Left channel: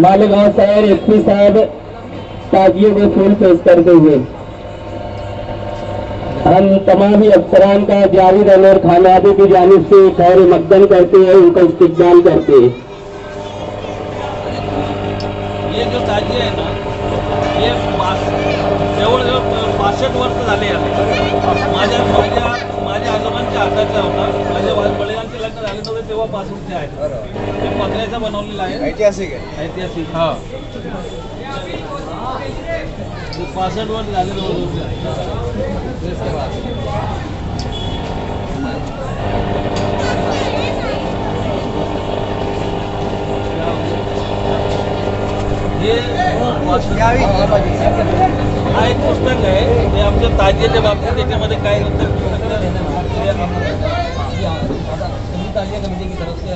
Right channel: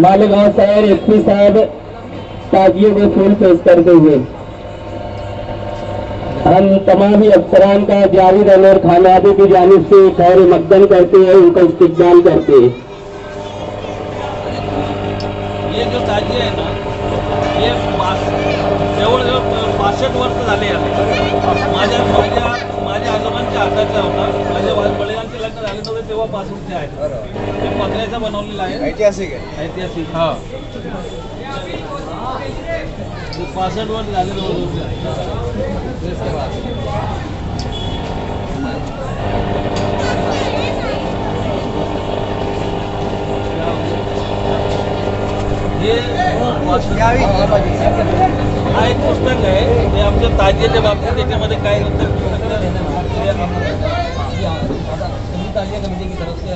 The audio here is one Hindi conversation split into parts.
मालेगांव शहर एसपी साहब ताजियों को फूल पेश करते हुए हम तमाम ही अफसरान का जावेद अनवर खानाबी की जानिब से खैर मकदम करते हैं, उनका इस्तकबाल करते हैं। ये जो ताजिया है ना, ये जवळजवळ 65 वर्ष झाले माझ्या आजोबांच्या हाताचा होता। माझ्या वडिलांचे लग्न झाले नव्हते तेव्हापासून ते आहे। ते पत्र्याचा बनवलेला आहे, ऐतिहासिक आहे, ऐतिहासिक। हा 65 वर्ष झाले हा एक पुस्तक आहे ते आमच्या ताजियाच्या बाबतीत। त्याच्यामध्ये काय होतं ताजिया कमेटी की तरफ से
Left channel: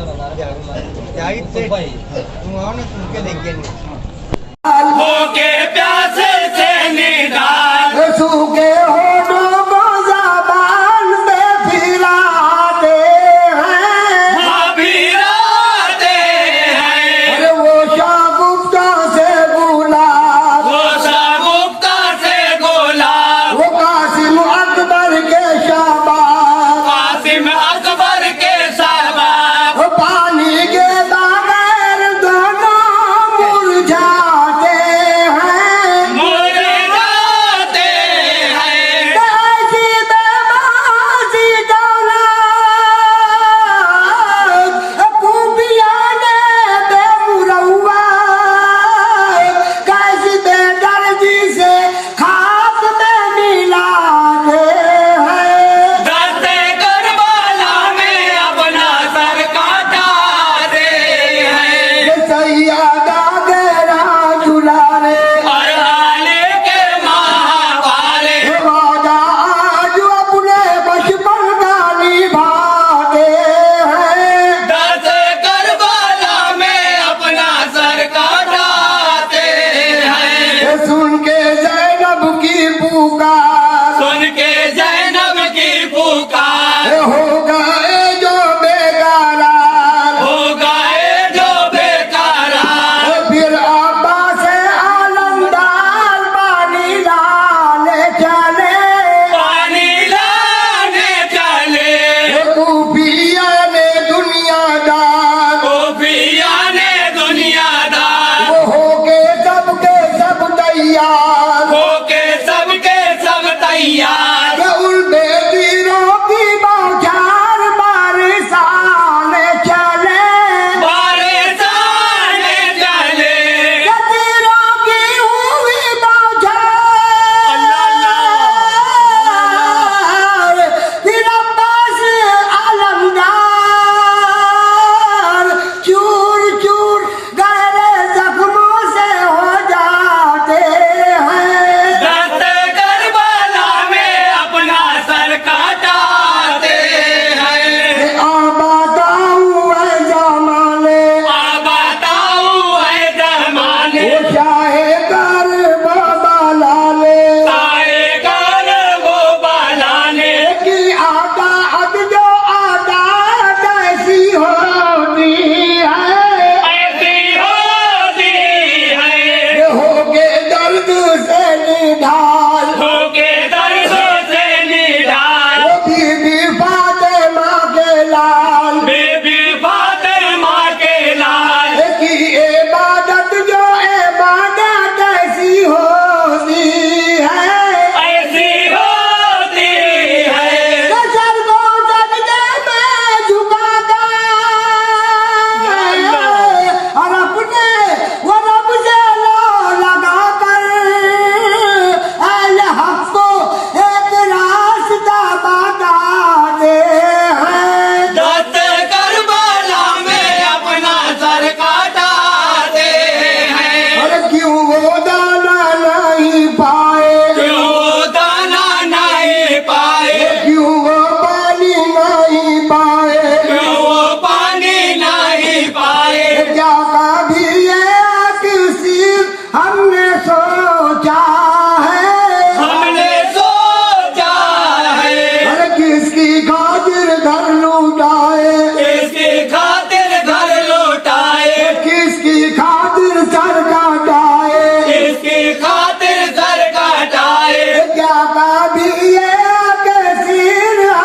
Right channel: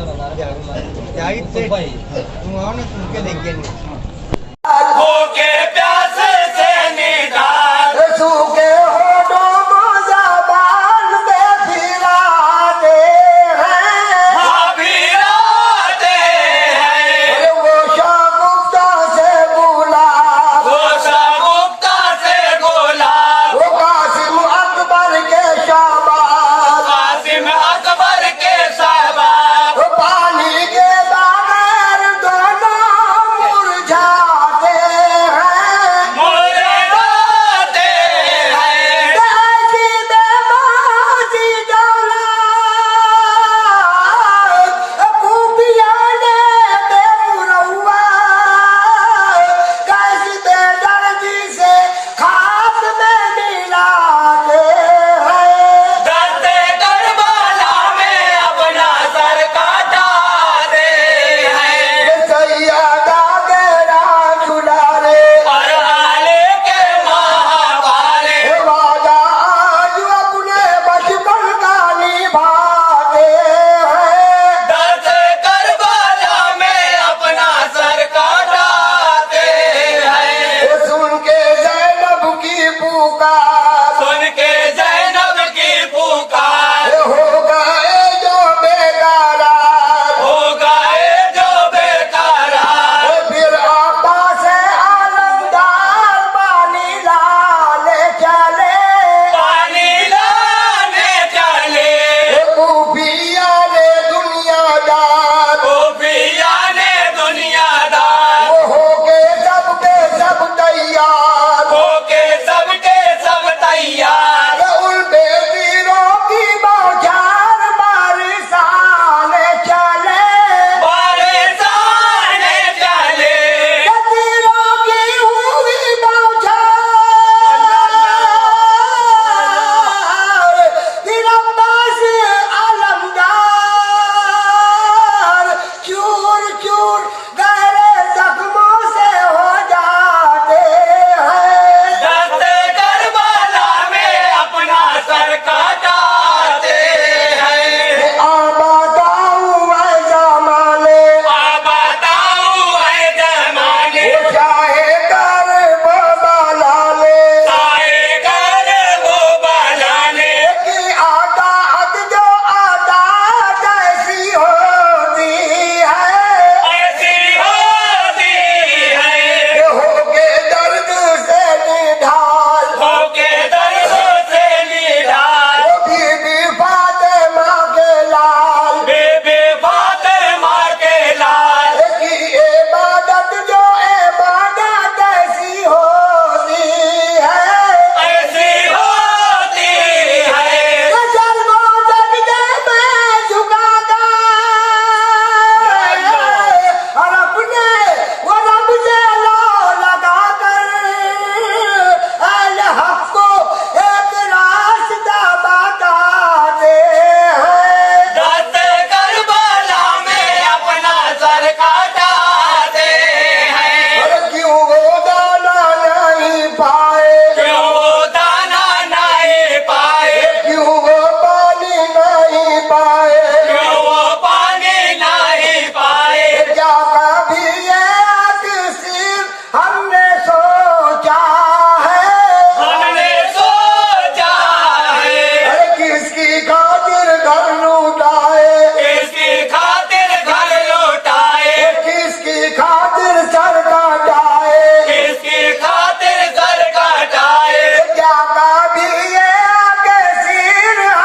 होके प्यासे से निदान सूखे होठों को ज़बान में फिराते हैं, फिराते हैं। वो शागुफ्ता से गुलाब, वो शागुफ्ता से गुलाब, वो कासिम अकबर के शाबाश, कासिम अकबर के शाबाश। वो पानी के बगैर दोनों मुरझाते हैं, मुरझाते हैं। कैसी बेबासी दौलत खूबियां ने बेमुरौवा, कैसी बेदर्दी से खाक में मिलाते हैं। दर्द करबला में अपना सर काटाते हैं। सैयदा गेरा दुलारे हर हाले के महावाले, वादा आज अपने बचपन का निभाते हैं। दर्द करबला में अपना सर काटाते हैं। सुन के ज़ैनब की पुकार, सुन के ज़ैनब की पुकार, हो गए जो बेकरार, हो गए जो बेकरार। फिर अब्बास आलमदार पानी लाने चले, पानी लाने चले। खूफिया ने दुनियादार, खूफिया ने दुनियादार, वो हो के सब तैयार।